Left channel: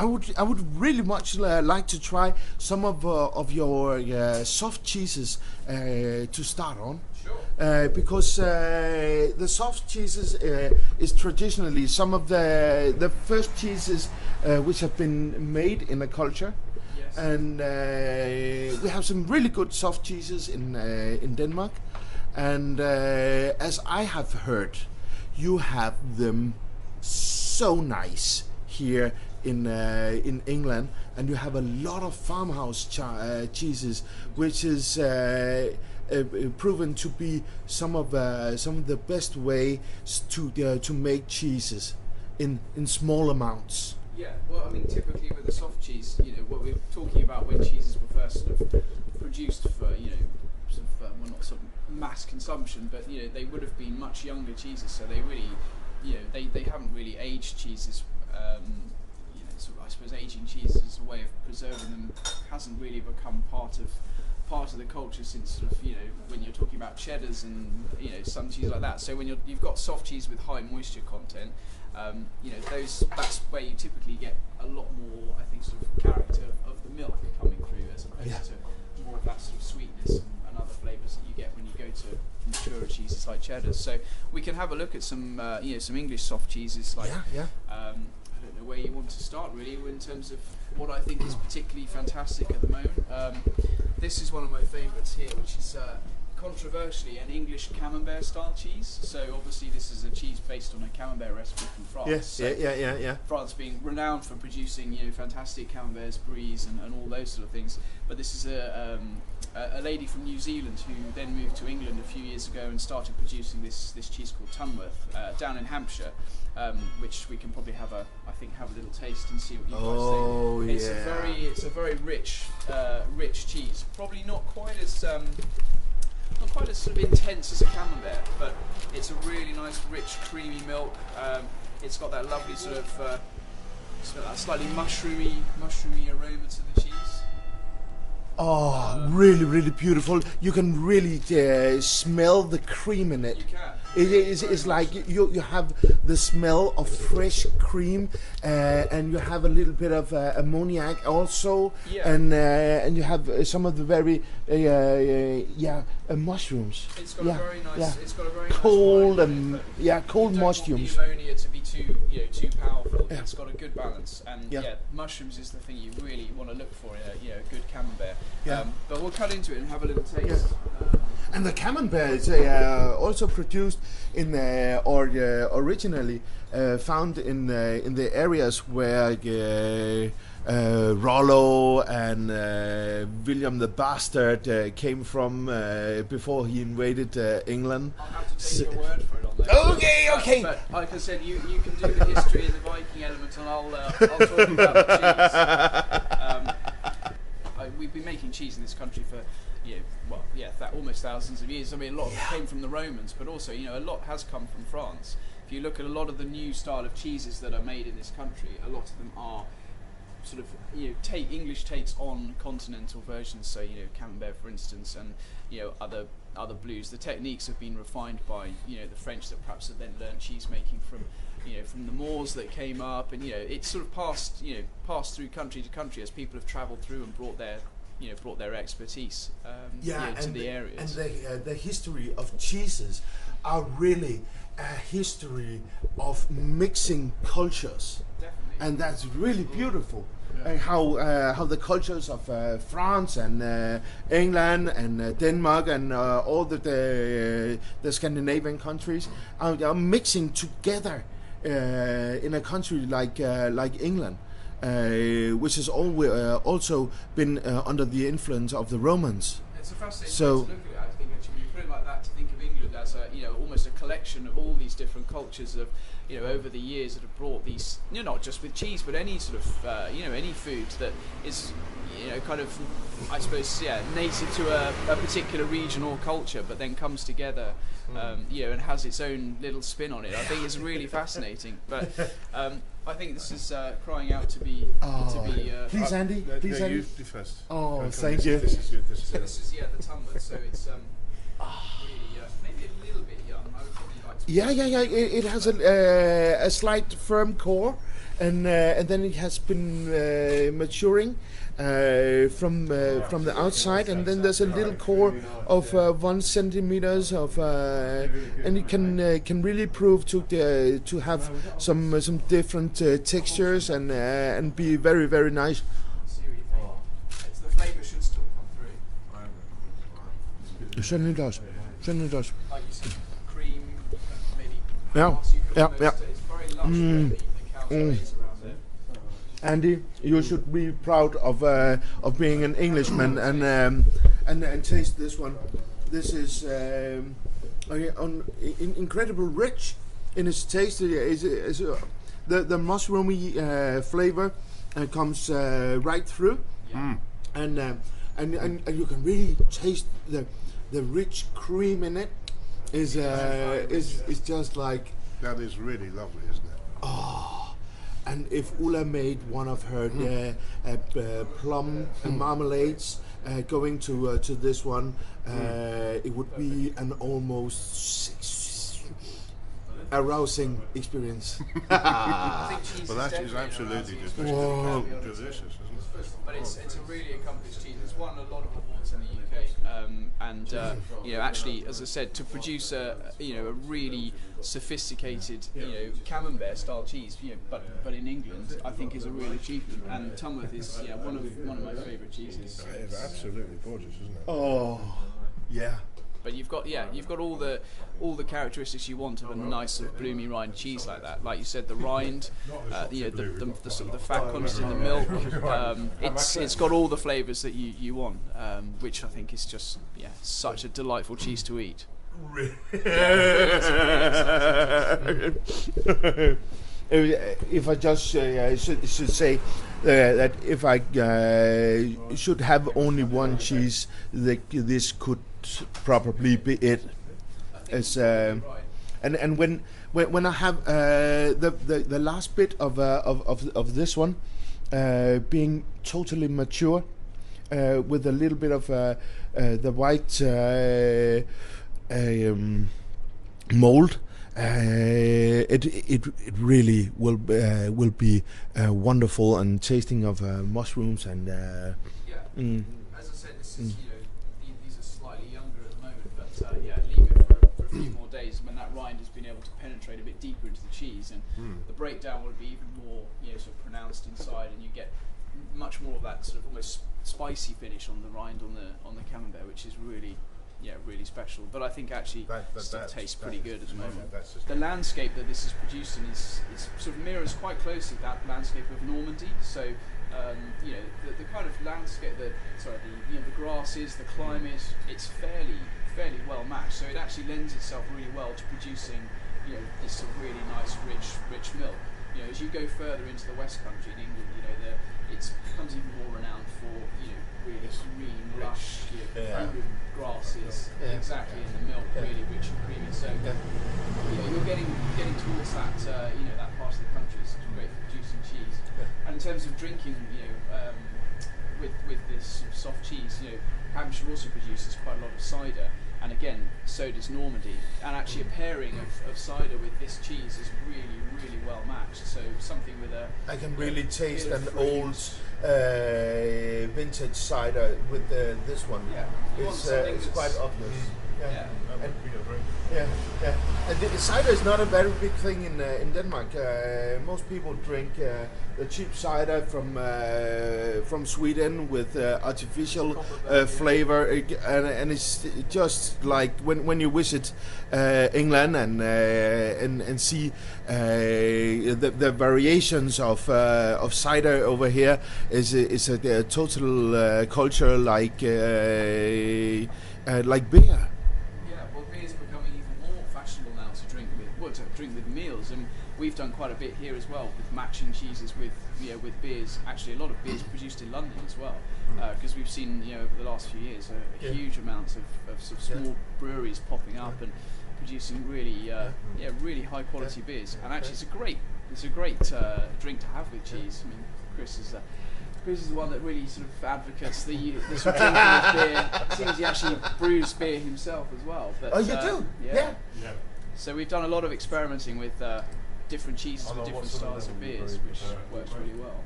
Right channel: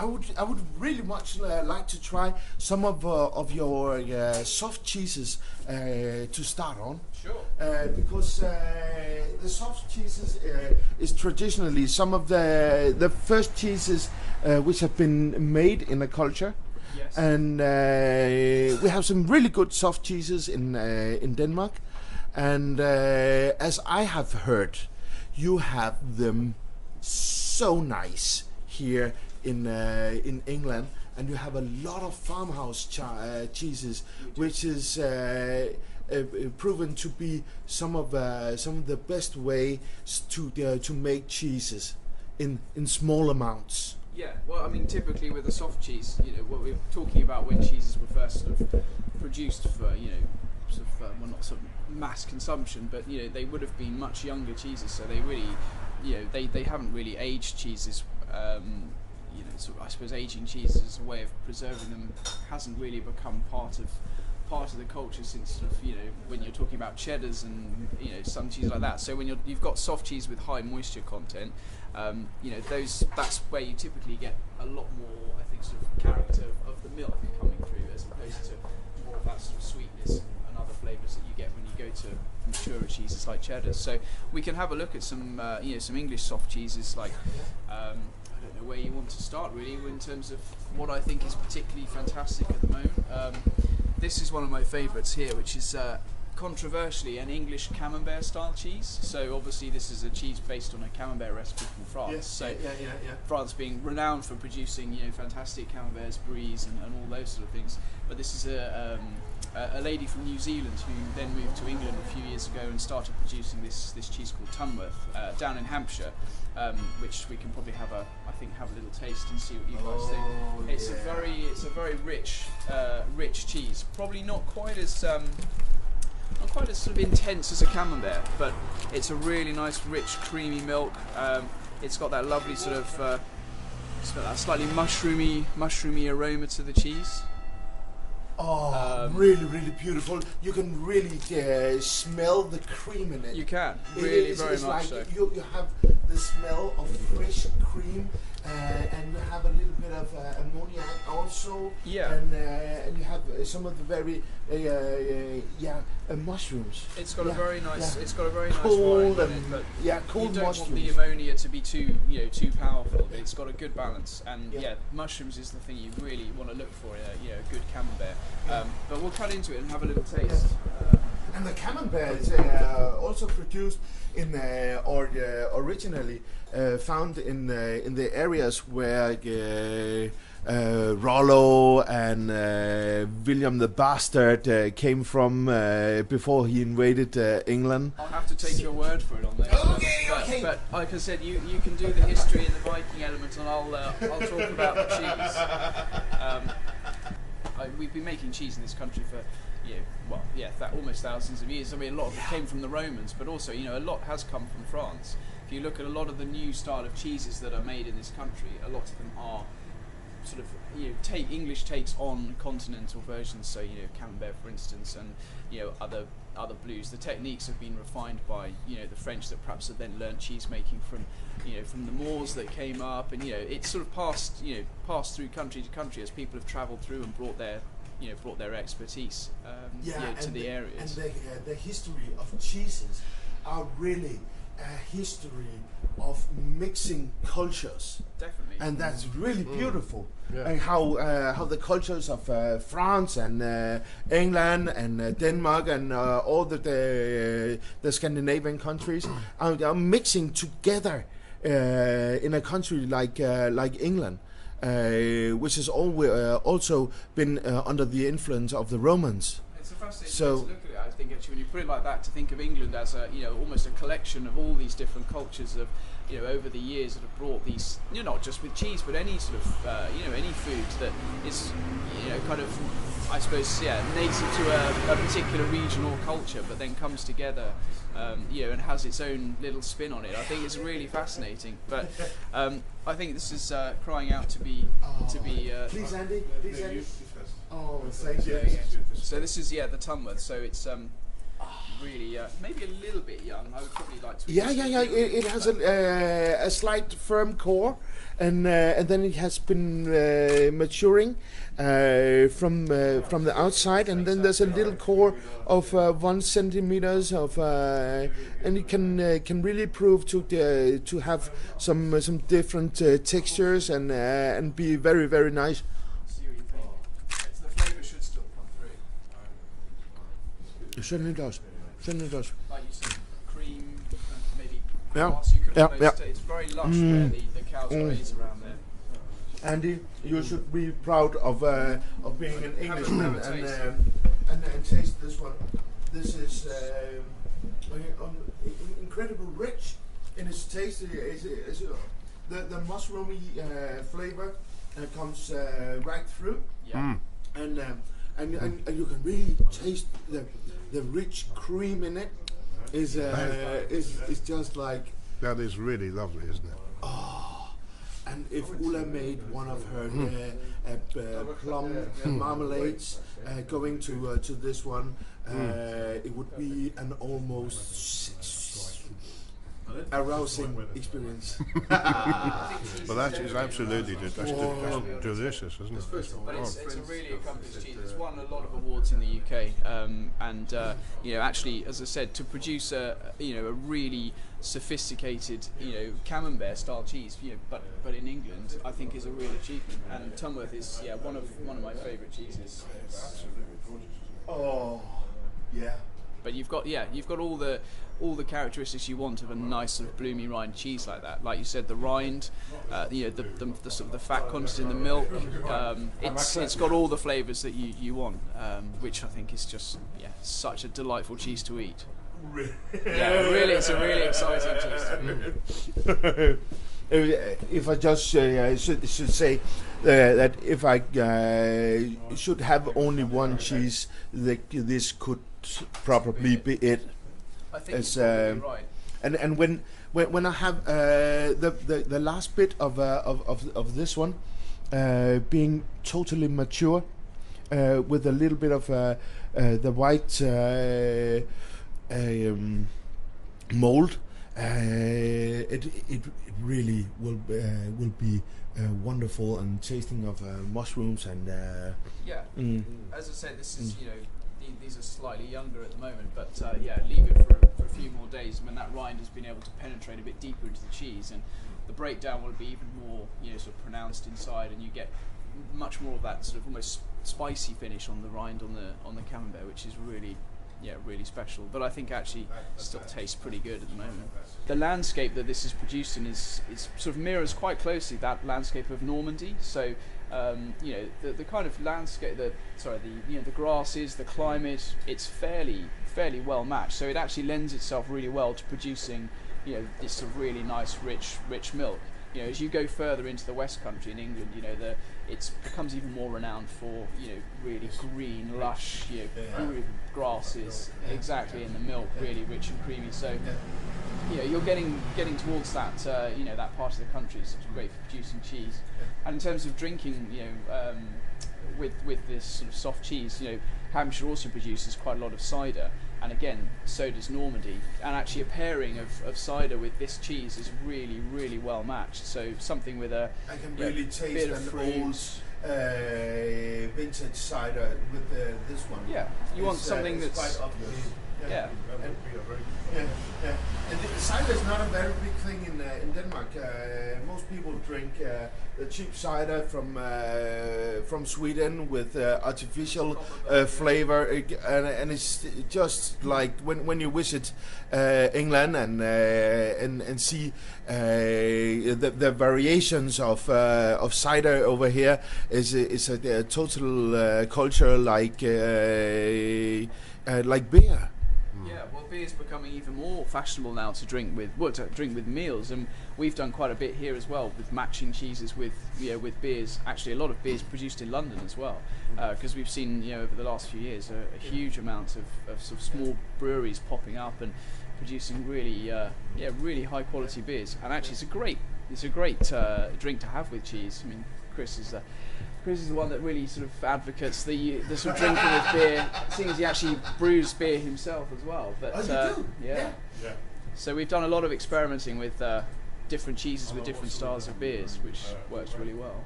I would really much like to try some of your soft cheeses to start on. Sure. Because the soft cheeses is traditionally some of the first cheeses which have been made in a culture. Yes. And we have some really good soft cheeses in Denmark. And as I have heard, you have them so nice here in England, and you have a lot of farmhouse cheeses, which is proven to be some of the best ways to make cheeses in small amounts. Yeah, well, I mean, typically with a soft cheese, you know, what we're talking about when cheeses were first sort of produced for, you know, sort of, well, not sort of mass consumption, but, you know, they would have been much younger cheeses, so they really, you know, they haven't really aged cheeses. You know, sort of, I suppose aging cheeses as a way of preserving them hasn't really become part of the culture since sort of, you know, when you're talking about cheddars and, you know, some cheese like that. So when you've got soft cheese with high moisture content, you know, that's where you typically get a lot more, I think, sort of character of the milk coming through, as opposed to more of that sort of sweetness and other flavours that you get when you go to maturer cheeses like cheddars. So we can have a look at some, you know, some English soft cheeses like. I don't know where you want to start really in terms of what I think is particularly fantastic at the moment. This is one of my favourites here, which is controversially an English camembert style cheese. So obviously this is a cheese based on a camembert recipe from France. Yes, so yeah. France being renowned for producing, you know, fantastic camemberts, bries, and all those sort of things. But this is a lady from New Zealand who then moved to England a few years ago and started producing this cheese called Tunworth down in Hampshire, which we can probably have a little taste and see what you guys think. It's a very rich cheese. Probably not quite as sort of intense as a camembert, but it's a really nice, rich, creamy milk. It's got that lovely sort of that slightly mushroomy aroma to the cheese. Oh, really, really beautiful. You can really smell the cream in it. You can. It's like so. you have the smell of fresh cream, and you have a little bit of ammoniac also. Yeah. And you have some of the very mushrooms. It's got a very nice. Yeah. It's got a very cold nice wine in it, cold you don't mushrooms. want the ammonia to be too powerful. Yeah. It's got a good balance, and mushrooms is the thing you really want to look for in a good camembert. Yeah. But we'll cut into it and have a little taste. Yeah. And the camembert is also produced in originally found in the areas where Rollo and William the Bastard came from before he invaded England. I'll have to take your word for it on that. Okay. But like I said, you can do the history and the Viking element, and I'll talk about the cheese. We've been making cheese in this country for, almost thousands of years. I mean, a lot of it came from the Romans, but also, a lot has come from France. If you look at a lot of the new style of cheeses that are made in this country, a lot of them are sort of, English takes on continental versions. So, Camembert, for instance, and other blues. The techniques have been refined by the French that perhaps have then learnt cheese making from the Moors that came up, and it's sort of passed through country to country as people have travelled through and brought their expertise to the areas. And the history of cheeses are really a history of mixing cultures. Definitely. And that's really beautiful. Yeah. And how the cultures of France and England and Denmark and all the Scandinavian countries are mixing together in a country like England, which has also been under the influence of the Romans. It's a fascinating way to look at it. I think actually, when you put it like that, to think of England as a almost a collection of all these different cultures of over the years that have brought these, not just with cheese, but any sort of any food that is kind of, I suppose, native to a particular region or culture, but then comes together, and has its own little spin on it. I think it's really fascinating. But I think this is crying out to be. Please, Andy. Please, Andy. First. Oh, thank you. So this is the Tunworth. So it's really maybe a little bit young. I would probably like to. Yeah. It has a slight firm core, and then it has been maturing from the outside, and then there's a little core of 1 centimeters of, and it can really prove to have some different textures and be very, very nice. See what you think. The flavour should still come through. It certainly does. Like you said, cream, maybe. Yeah. Grass, you could Yeah, almost yeah. It's very lush where the cows graze around there. Andy, you should be proud of being an Englishman and taste this one. This is incredible rich in its taste. The mushroomy flavor comes right through, Yeah. and you can really taste the rich cream in it. Is just like. That is really lovely, isn't it? And if Ulla made one of her plum marmalades going to this one, it would be an almost arousing experience. Well, that is absolutely delicious, isn't it? But it's a really accomplished cheese. It's won a lot of awards in the UK, and you know, actually, as I said, to produce a really sophisticated camembert style cheese, but in England, I think is a real achievement. And Tunworth is one of my favourite cheeses. It's absolutely gorgeous, isn't it? Oh, yeah. But you've got all the characteristics you want of a nice sort of bloomy rind cheese like that. Like you said, the rind, the sort of the fat content in the milk. It's got all the flavours that you want, which I think is just such a delightful cheese to eat. Really, it's a really exciting cheese. If I just should say that if I should have only one cheese, this could probably be it. As right. and when I have the last bit of this one being totally mature with a little bit of the white mold, it really will be wonderful and tasting of mushrooms and As I said, this is these are slightly younger at the moment, but leave it for a few more days when that rind has been able to penetrate a bit deeper into the cheese, and the breakdown will be even more sort of pronounced inside, and you get much more of that sort of almost spicy finish on the rind on the camembert, which is really really special. But I think actually still tastes pretty good at the moment. The landscape that this is produced in is sort of mirrors quite closely that landscape of Normandy. So the kind of landscape, the grasses, the climate, it's fairly well matched. So it actually lends itself really well to producing this sort of really nice rich milk. As you go further into the West Country in England, it becomes even more renowned for really green, lush, grasses, exactly, in the milk, really rich and creamy. So you're getting towards that that part of the country. It's great for producing cheese. And in terms of drinking, with this sort of soft cheese, Hampshire also produces quite a lot of cider. And again, so does Normandy. And actually a pairing of cider with this cheese is really, really well matched. So something with I can really taste an old vintage cider with this one. Yeah, you want something that's quite obvious. Yeah. That would be a drink. Yeah. And the cider is not a very big thing in Denmark. Most people drink the cheap cider from Sweden with artificial flavor, and it's just like when you visit England and see the variations of cider over here is a total culture like beer. Beer's becoming even more fashionable now to drink with meals, and we've done quite a bit here as well with matching cheeses with beers. Actually, a lot of beers produced in London as well, because we've seen over the last few years a huge amount of sort of small breweries popping up and producing really really high quality beers. And actually, it's a great drink to have with cheese. I mean, Chris is the one that really sort of advocates the sort of drinking with beer. Seems he actually brews beer himself as well. But Oh, you do? yeah. Yeah. So we've done a lot of experimenting with different cheeses with different styles of beers, which works really well.